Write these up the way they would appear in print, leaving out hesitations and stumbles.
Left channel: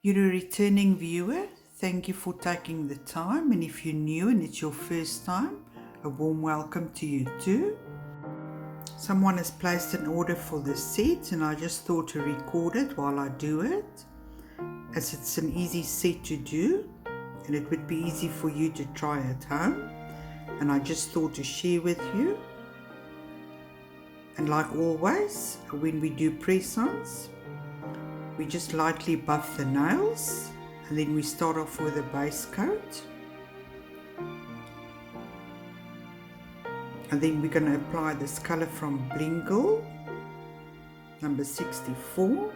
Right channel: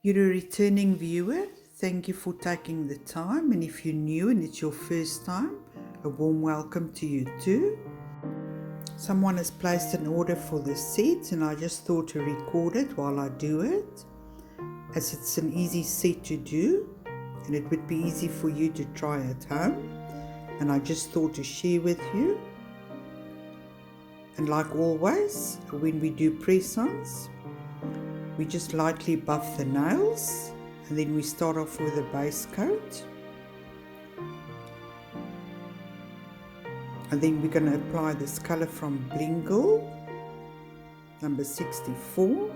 You're a returning viewer. Thank you for taking the time, and if you're new and it's your first time, a warm welcome to you too. Someone has placed an order for this set, and I just thought to record it while I do it, as it's an easy set to do and it would be easy for you to try at home, and I just thought to share with you. And like always, when we do press-ons, we just lightly buff the nails, and then we start off with a base coat, and then we're going to apply this color from Bling, number 64.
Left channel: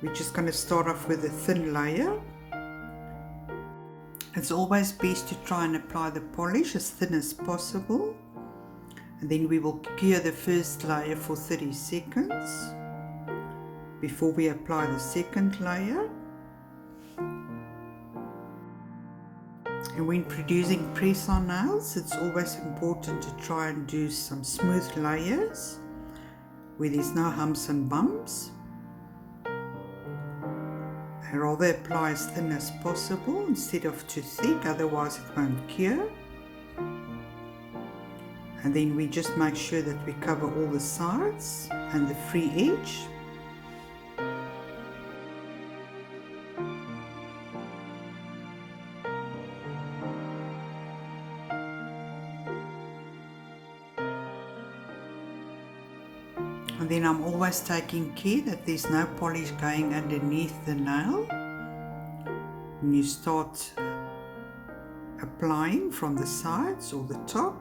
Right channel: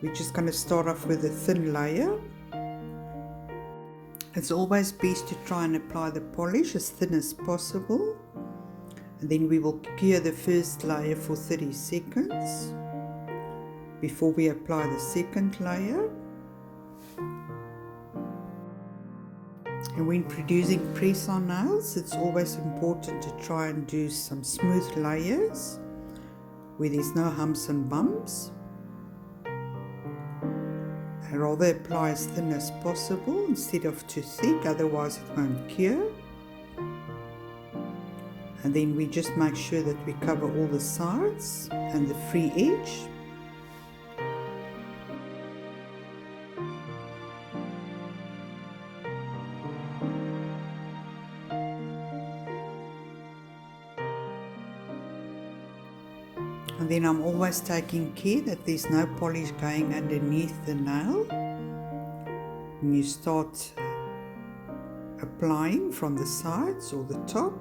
We're just going to start off with a thin layer. It's always best to try and apply the polish as thin as possible, and then we will cure the first layer for 30 seconds before we apply the second layer. And when producing press-on nails, it's always important to try and do some smooth layers where there's no humps and bumps. I rather apply as thin as possible instead of too thick, otherwise it won't cure. And then we just make sure that we cover all the sides and the free edge. And then I'm always taking care that there's no polish going underneath the nail. When you start applying from the sides or the top.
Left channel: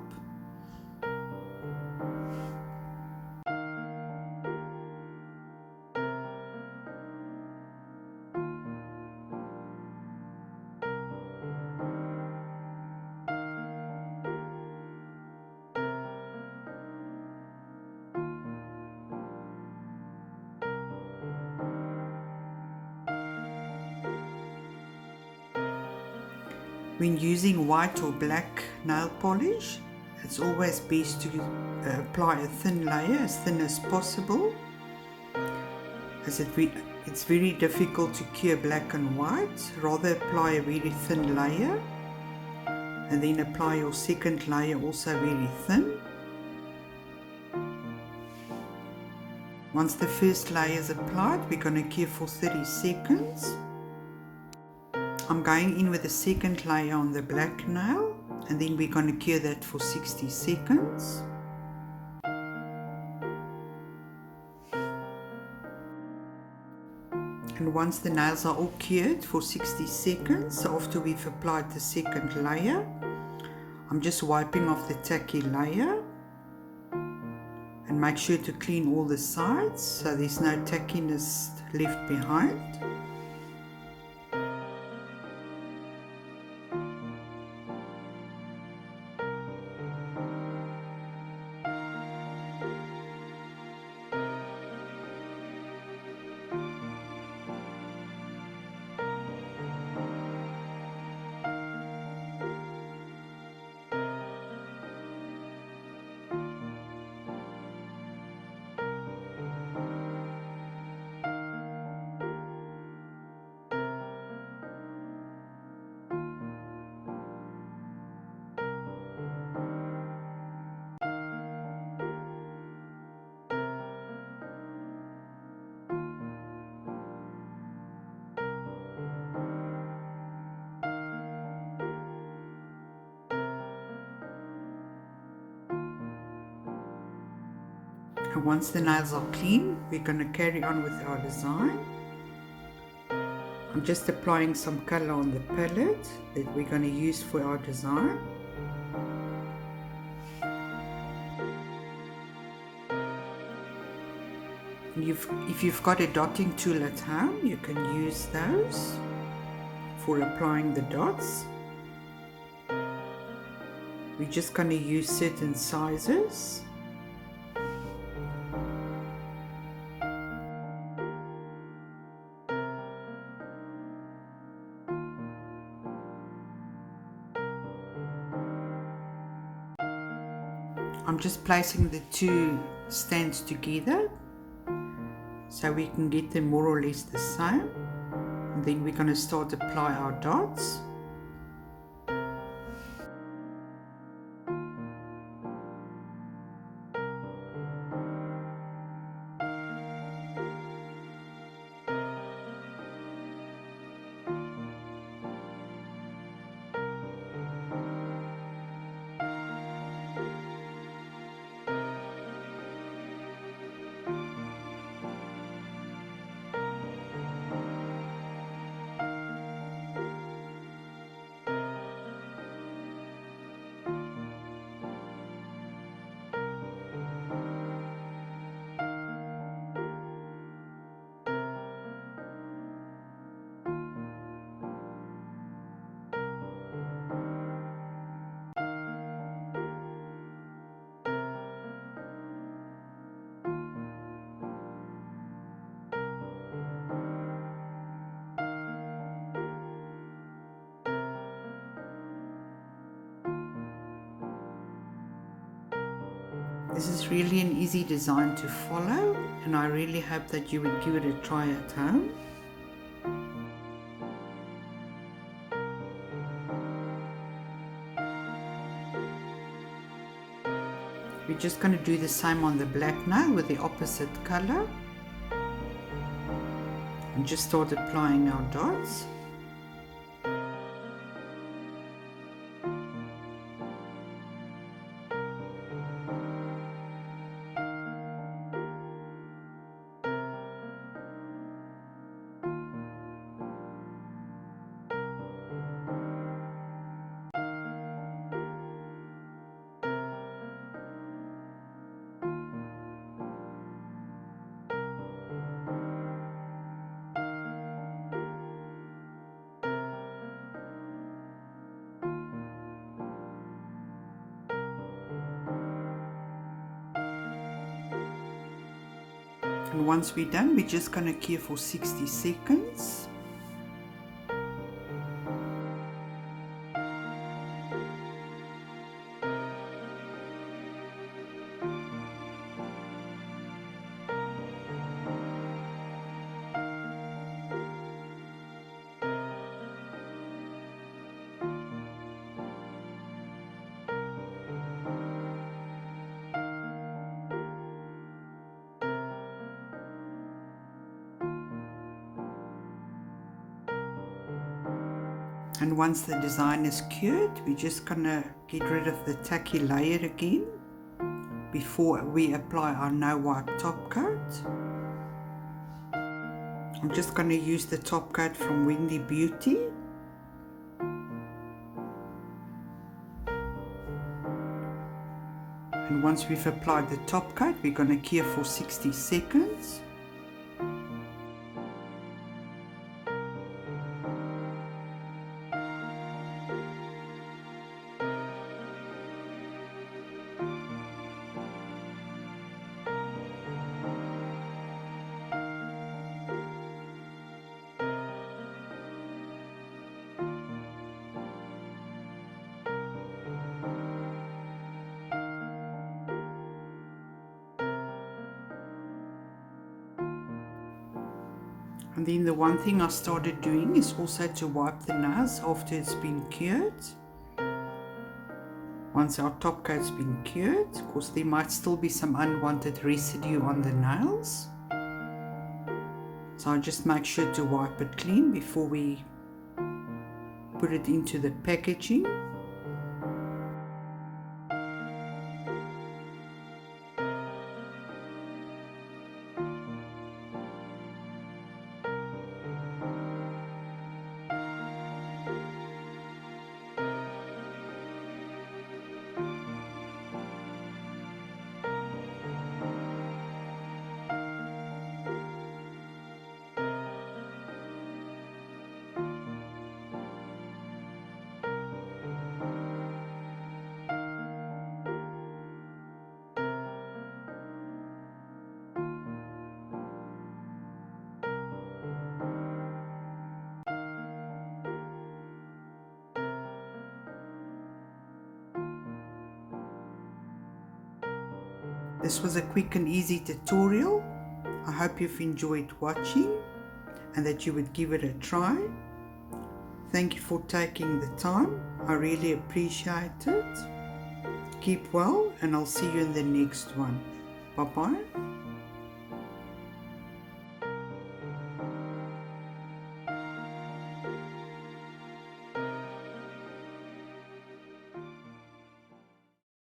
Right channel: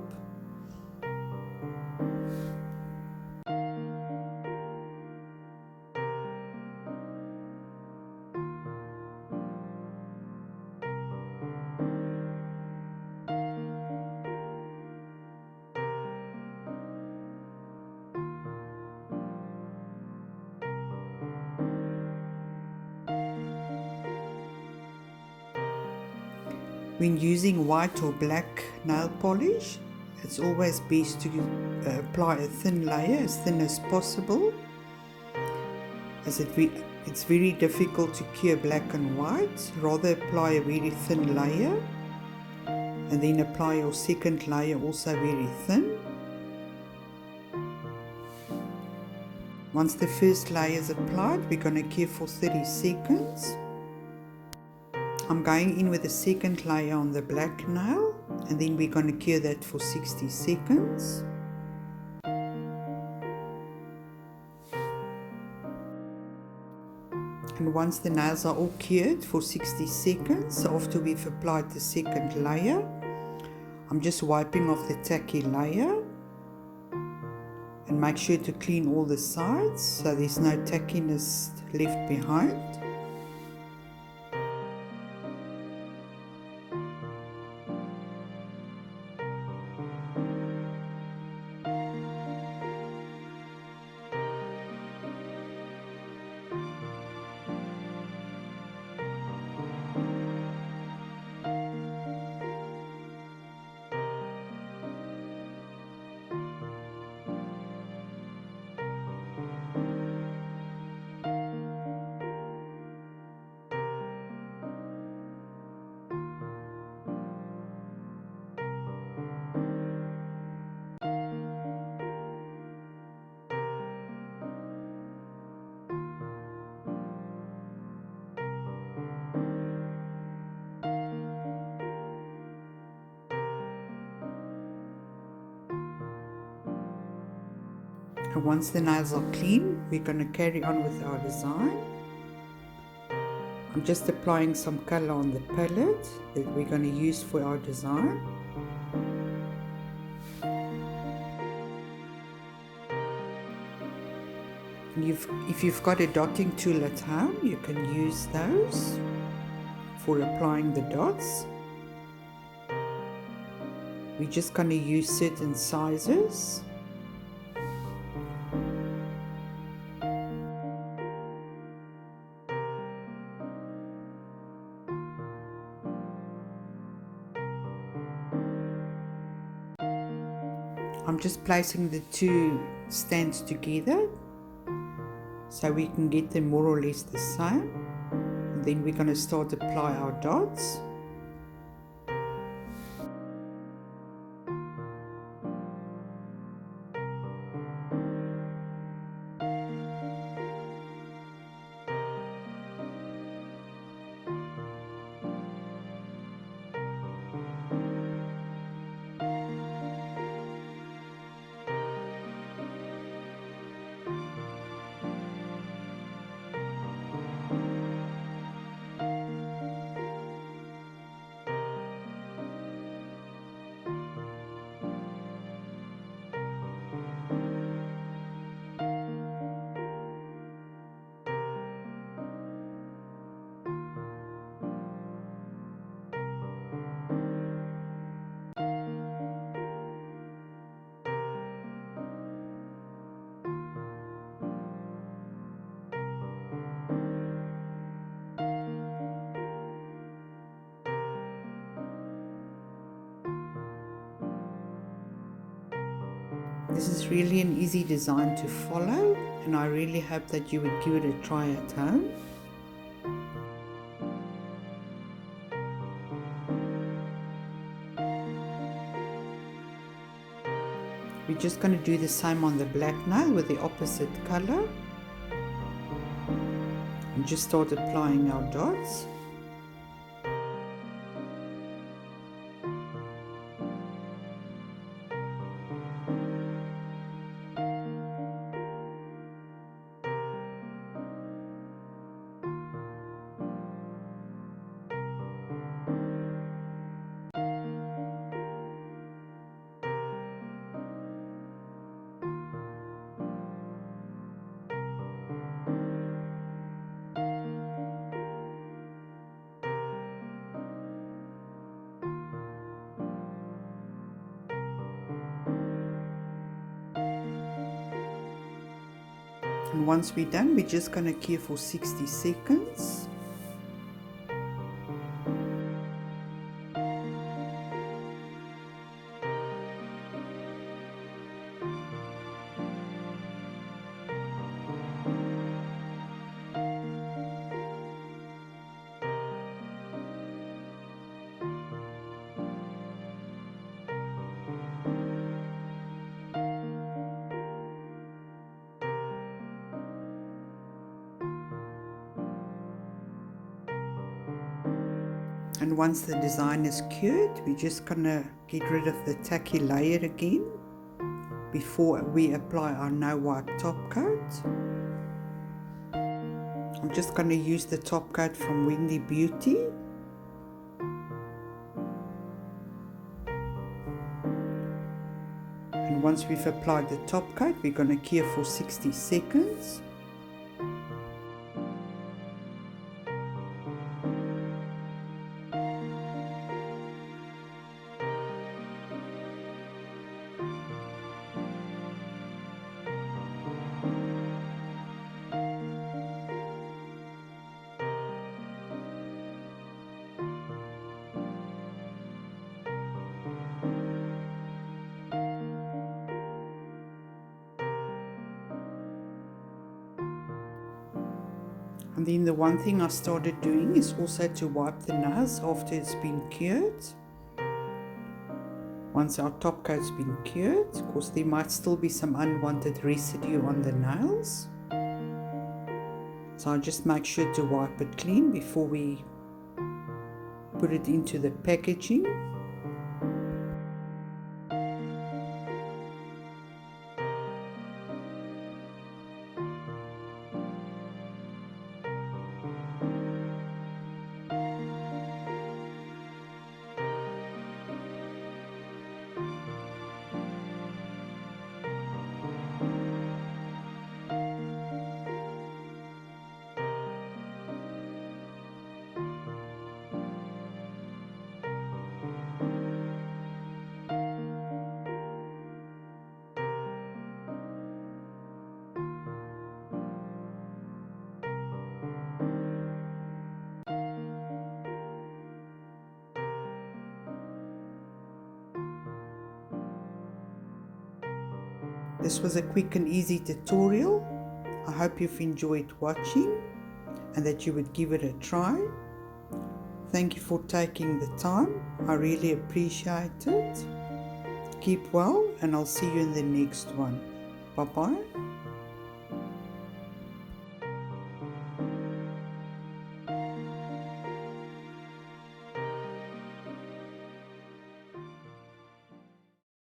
When using white or black nail polish, it's always best to apply a thin layer, as thin as possible, as it's very difficult to cure black and white. Rather apply a very thin layer, and then apply your second layer also very thin. Once the first layer is applied, we're going to cure for 30 seconds. I'm going in with the second layer on the black nail, and then we're going to cure that for 60 seconds. And once the nails are all cured for 60 seconds, after we've applied the second layer, I'm just wiping off the tacky layer, and make sure to clean all the sides so there's no tackiness left behind. And once the nails are clean, we're going to carry on with our design. I'm just applying some color on the palette that we're going to use for our design. And if you've got a dotting tool at home, you can use those for applying the dots. We're just going to use certain sizes. I'm just placing the two stands together so we can get them more or less the same. And then we're going to start apply our dots. This is really an easy design to follow, and I really hope that you would give it a try at home. We're just going to do the same on the black now with the opposite color. And just start applying our dots. And once we're done, we're just going to cure for 60 seconds. And once the design is cured, we're just going to get rid of the tacky layer again before we apply our no wipe top coat. I'm just going to use the top coat from Wendy Beauty. And once we've applied the top coat, we're going to cure for 60 seconds. And then the one thing I started doing is also to wipe the nails after it's been cured. Once our top coat's been cured, of course there might still be some unwanted residue on the nails. So I just make sure to wipe it clean before we put it into the packaging. This was a quick and easy tutorial. I hope you've enjoyed watching and that you would give it a try. Thank you for taking the time. I really appreciate it. Keep well, and I'll see you in the next one. Bye-bye.